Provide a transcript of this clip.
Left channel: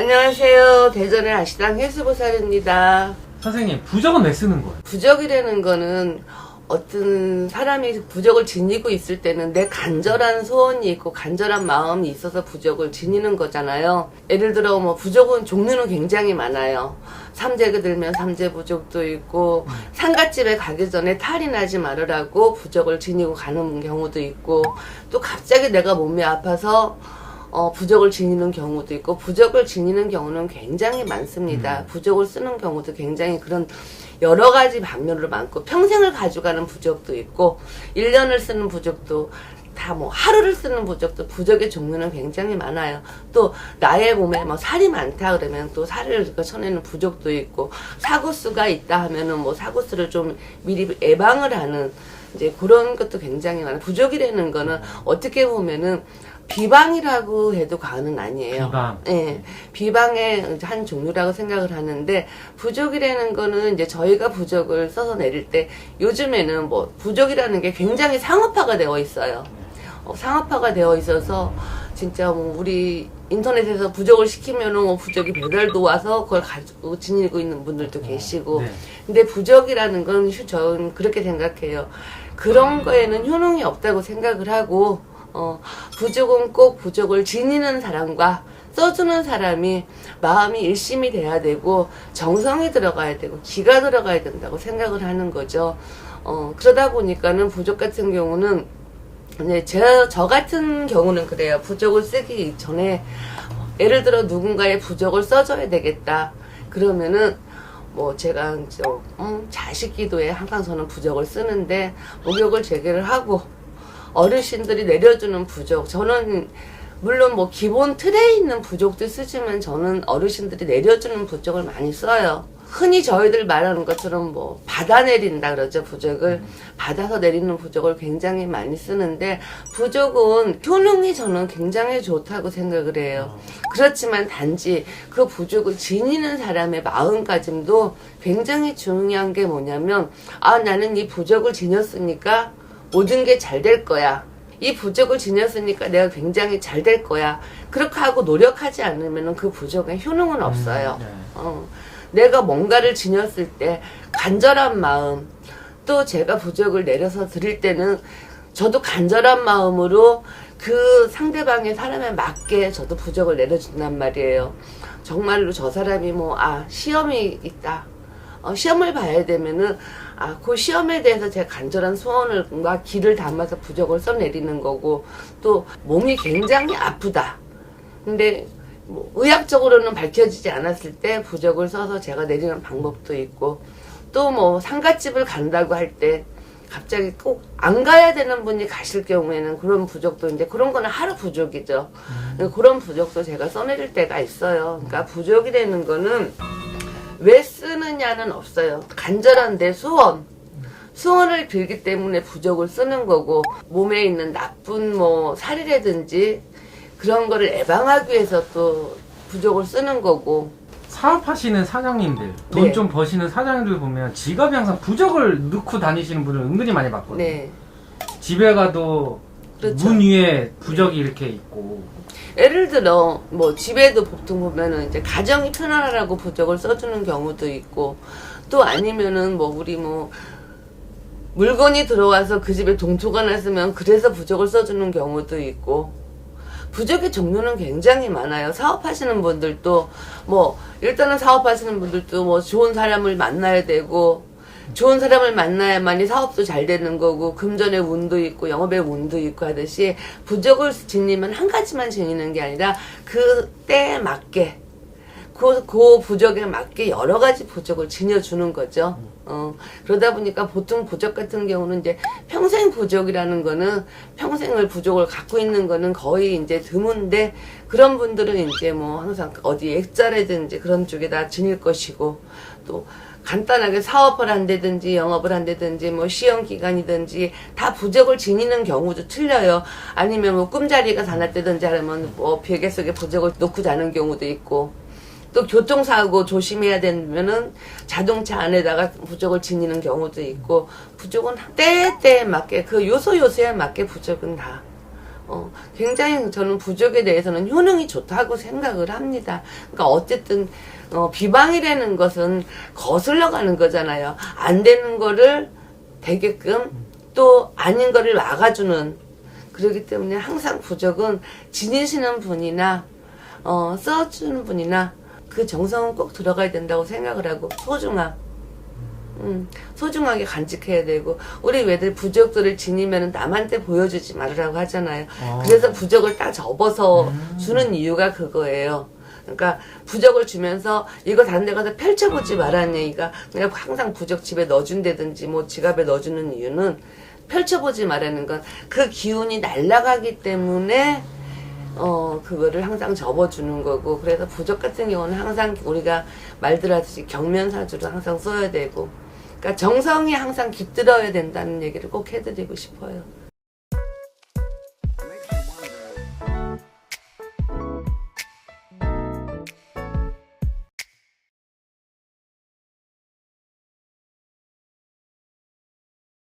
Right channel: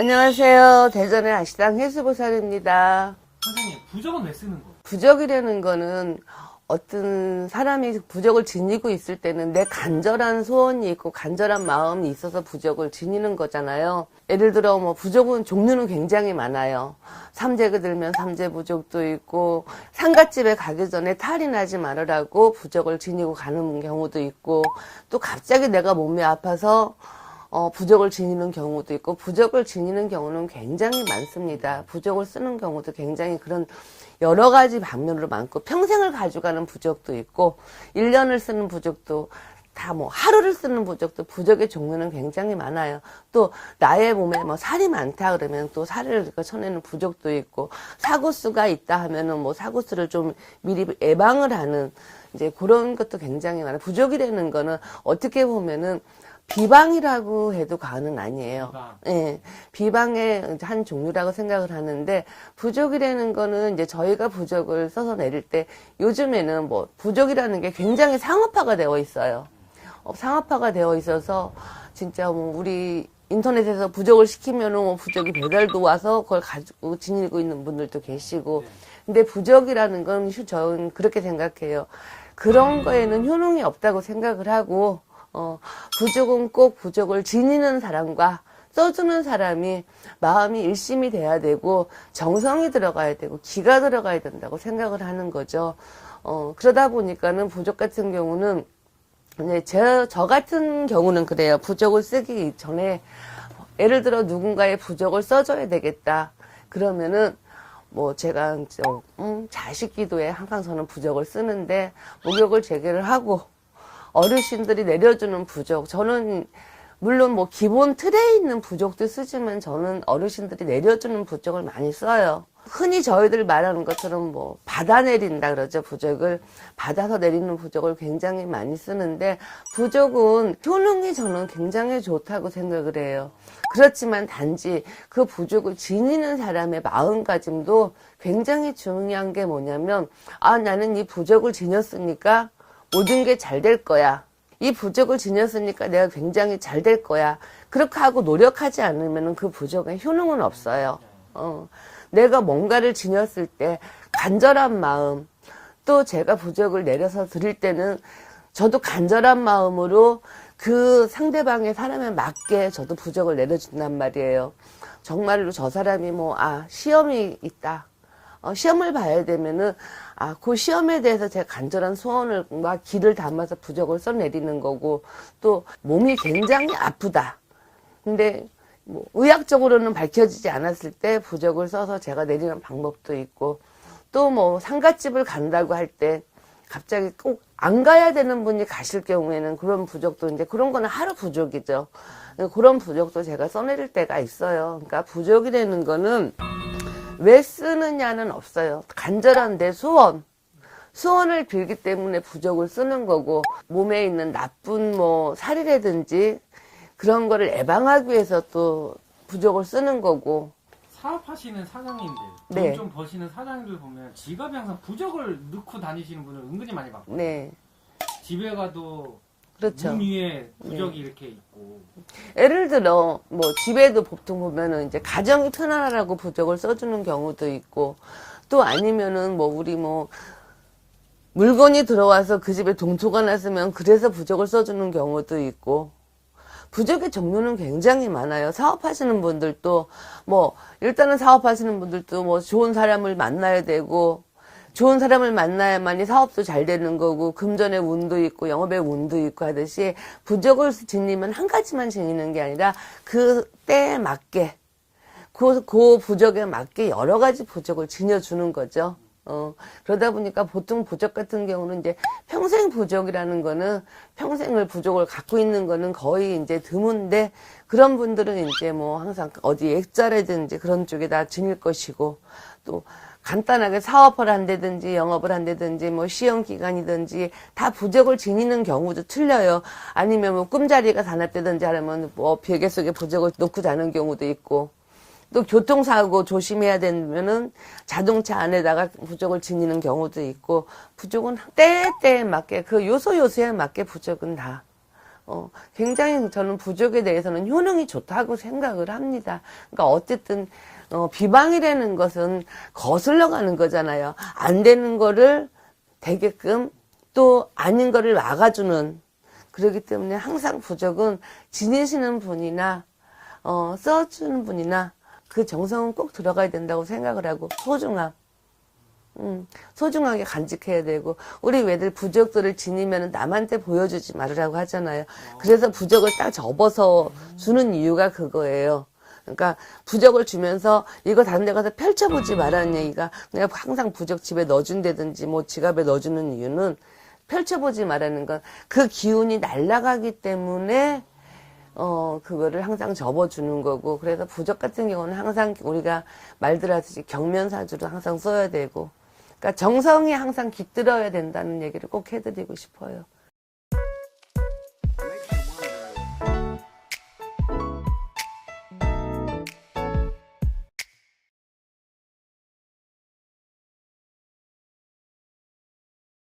안녕하세요. 대전의 아시당 해수보살입니다. 선생님, 부적은 왜 쓰는 거예요? 부적이라는 거는 어떤 사람이 부적을 지니고 있을 때는 내 간절한 소원이 있고 간절한 마음이 있어서 부적을 지니는 거잖아요. 예를 들어 뭐 부적은 종류는 굉장히 많아요. 삼재가 들면 삼재 부적도 있고, 상갓집에 가기 전에 탈이 나지 말으라고 부적을 지니고 가는 경우도 있고, 또 갑자기 내가 몸이 아파서 부적을 지니는 경우도 있고, 부적을 지니는 경우는 굉장히 많습니다. 부적을 쓰는 경우도 굉장히 그런 여러 가지 방면으로 많고, 평생을 가져가는 부적도 있고, 1년을 쓰는 부적도 다 뭐 하루를 쓰는 부적도, 부적의 종류는 굉장히 많아요. 또 나의 몸에 뭐 살이 많다 그러면 또 살을 쳐내는 부적도 있고, 사고수가 있다 하면은 뭐 사고수를 좀 미리 예방을 하는 이제 그런 것도 굉장히 많아요. 부적이라는 거는 어떻게 보면은 비방이라고 해도 과언은 아니에요. 비방. 예, 비방의 한 종류라고 생각을 하는데, 부적이라는 거는 이제 저희가 부적을 써서 내릴 때 요즘에는 뭐 부적이라는 게 굉장히 상업화가 되어 있어요. 상업화가 되어 있어서 진짜 뭐 우리 인터넷에서 부적을 시키면은 뭐 부적이 배달도 와서 그걸 가지고 지니고 있는 분들도 계시고. 네. 근데 부적이라는 건 저는 그렇게 생각해요. 그런 거에는 효능이 없다고 생각을 하고, 부적은 꼭 부적을 지니는 사람과 써주는 사람이 마음이 일심이 돼야 되고, 정성이 들어가야 되고, 기가 들어가야 된다고 생각을 하는 거죠. 그러다 보니까는 부적 같은 경우는, 이제 저 같은 경우는 그래요. 부적을 쓰기 전에, 예를 들어 누군가의 부적을 써줘야 되겠다. 그러면은, 뭐 제가 자식 기도에 항상 저는 부적을 쓰는데, 목욕을 제대로 하고, 어르신들이 내려주는 부적, 저는 물론 뭐 기본 틀에 있는 부적도 쓰지만 저는 어르신들이 내려주는 부적을 많이 써요. 흔히 저희들 말하는 것처럼 뭐 받아 내린다 그러죠. 부적을 받아서 내리는 부적을 굉장히 많이 쓰는데, 부적은 효능이 저는 굉장히 좋다고 생각을 해요. 그렇지만 단지 그 부적을 지니는 사람의 마음가짐도 굉장히 중요한 게 뭐냐면, 나는 이 부적을 지녔으니까 모든 게 잘 될 거야. 이 부적을 지녔으니까 내가 굉장히 잘 될 거야. 그렇게 하고 노력하지 않으면 그 부적의 효능은 없어요. 네. 내가 뭔가를 지녔을 때 간절한 마음, 또 제가 부적을 내려서 드릴 때는 저도 간절한 마음으로 그 상대방의 사람에 맞게 저도 부적을 내려준단 말이에요. 정말로 저 사람이 시험이 있다. 시험을 봐야 되면은, 그 시험에 대해서 제가 간절한 소원을, 뭔가 기를 담아서 부적을 써내리는 거고, 또 몸이 굉장히 아프다. 근데 뭐 의학적으로는 밝혀지지 않았을 때 부적을 써서 제가 내리는 방법도 있고, 또 뭐 상갓집을 간다고 할 때 갑자기 꼭 안 가야 되는 분이 가실 경우에는 그런 부적도, 이제 그런 거는 하루 부적이죠. 그런 부적도 제가 써내릴 때가 있어요. 그러니까 부적이라는 거는 왜 쓰느냐는 없어요. 간절한 내 소원을 빌기 때문에 부적을 쓰는 거고, 몸에 있는 나쁜 살이라든지 그런 거를 예방하기 위해서 또 부적을 쓰는 거고. 사업하시는 사장님들, 돈 네. 좀 버시는 사장님들 보면 지갑에 항상 부적을 넣고 다니시는 분을 은근히 많이 봤거든요. 네. 집에 가도 그렇죠. 문 위에 부적이 이렇게 있고. 예를 들어 집에도 보통 보면은 이제 가정이 편안하라고 부적을 써주는 경우도 있고, 또 아니면은 우리 물건이 들어와서 그 집에 동토가 났으면 그래서 부적을 써주는 경우도 있고, 부적의 종류는 굉장히 많아요. 사업하시는 분들도 일단은 사업하시는 분들도 좋은 사람을 만나야 되고, 좋은 사람을 만나야만이 사업도 잘 되는 거고, 금전의 운도 있고 영업의 운도 있고 하듯이, 부적을 지니면 한 가지만 지니는 게 아니라 그 때에 맞게, 그 부적에 맞게 여러 가지 부적을 지녀주는 거죠. 그러다 보니까 보통 부적 같은 경우는 이제 평생 부적이라는 거는, 평생을 부적을 갖고 있는 거는 거의 이제 드문데, 그런 분들은 이제 항상 어디 액자라든지 그런 쪽에다 지닐 것이고, 또 간단하게 사업을 한다든지 영업을 한다든지 시험 기간이든지 다 부적을 지니는 경우도 틀려요. 아니면 꿈자리가 다 났다든지 하면 베개 속에 부적을 놓고 자는 경우도 있고, 또 교통사고 조심해야 되면은 자동차 안에다가 부적을 지니는 경우도 있고, 부적은 때에 맞게, 그 요소에 맞게 부적은 다 굉장히 저는 부족에 대해서는 효능이 좋다고 생각을 합니다. 그러니까 어쨌든 비방이라는 것은 거슬러 가는 거잖아요. 안 되는 거를 되게끔 또 아닌 거를 막아주는, 그렇기 때문에 항상 부족은 지니시는 분이나 써주는 분이나 그 정성은 꼭 들어가야 된다고 생각을 하고, 소중하게 간직해야 되고, 우리 왜들 부적들을 지니면 남한테 보여주지 말으라고 하잖아요. 그래서 부적을 딱 접어서 주는 이유가 그거예요. 그러니까 부적을 주면서 이거 다른 데 가서 펼쳐보지 말라는 얘기가, 내가 항상 부적 집에 넣어준다든지 뭐 지갑에 넣어주는 이유는 펼쳐보지 말라는 건 그 기운이 날아가기 때문에 그거를 항상 접어주는 거고, 그래서 부적 같은 경우는 항상 우리가 말들 하듯이 경면사주로 항상 써야 되고, 그러니까 정성이 항상 깃들어야 된다는 얘기를 꼭 해드리고 싶어요.